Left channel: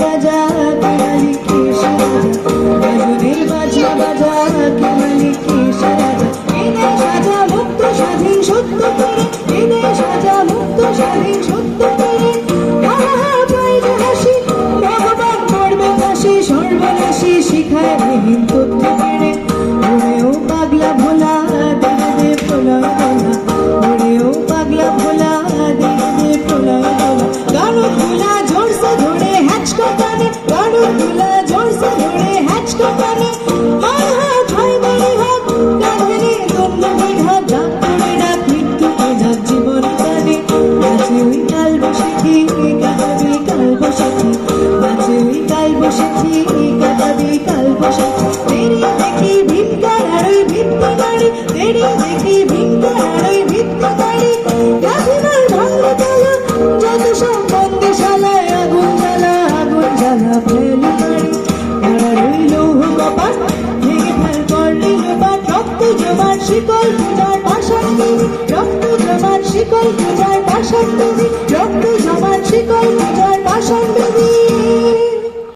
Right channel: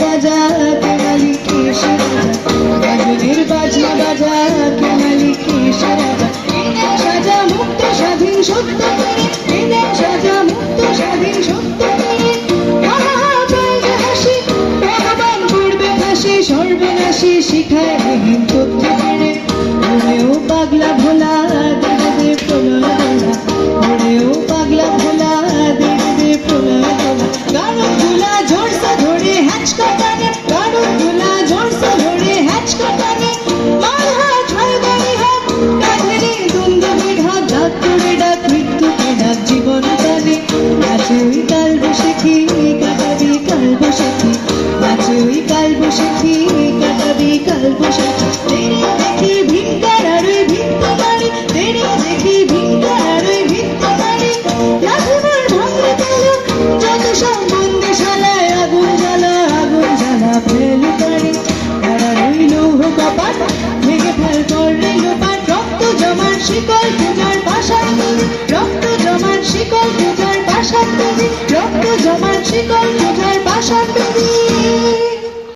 বাজা কে মালিক এসে রাজা, গাজনের বাজনা বাজা কে মালিক এসে রাজা। এদের সাজা মুক্ত স্বাধীন সত্য করে, এদের সাজা মুক্ত স্বাধীন সত্য করে। হাসি ভগবান করবে ফাঁসি, সর্বনাশী শিখায় রহিম তথ্য কেড়ে। ওরেও পাগলা ভোলা দে দে প্রলয় দোলা, ওরেও পাগলা ভোলা দে দে প্রলয় দোলা। গাড়ো ধুলা জোরসে ধরে হ্যাচকা টানে, গাড়ো ধুলা জোরসে ধরে হ্যাচকা টানে। হায় হায় ছয় গাড়ি হাত কাঁধে দুন্দুবির হাত, ডাক তুলে ডাক মৃত্যুকে ডাক জীবন টানে। আছে ওই কাল বসেছি কাটাবি কাল বসেছি, আছে ওই কাল বসেছি কাটাবি কাল বসেছি। তেরি দেখি ভিক্ষার আর ওই ভিক্ষা বাড়ি, তেরি দেখি ভিক্ষার আর ওই ভিক্ষা বাড়ি। রাখিবার ভাঙলে তেলক যত সব বন্দিশালায়, আগুন জ্বালা আগুন জ্বালা ফেলে পারি। তারা রইল কপাট ভেঙে ফেল করলে লোপাট, রক্ত জমার শিকল পূজার পাশান তৈরি, রক্ত জমার শিকল পূজার পাশান তৈরি, রক্ত জমার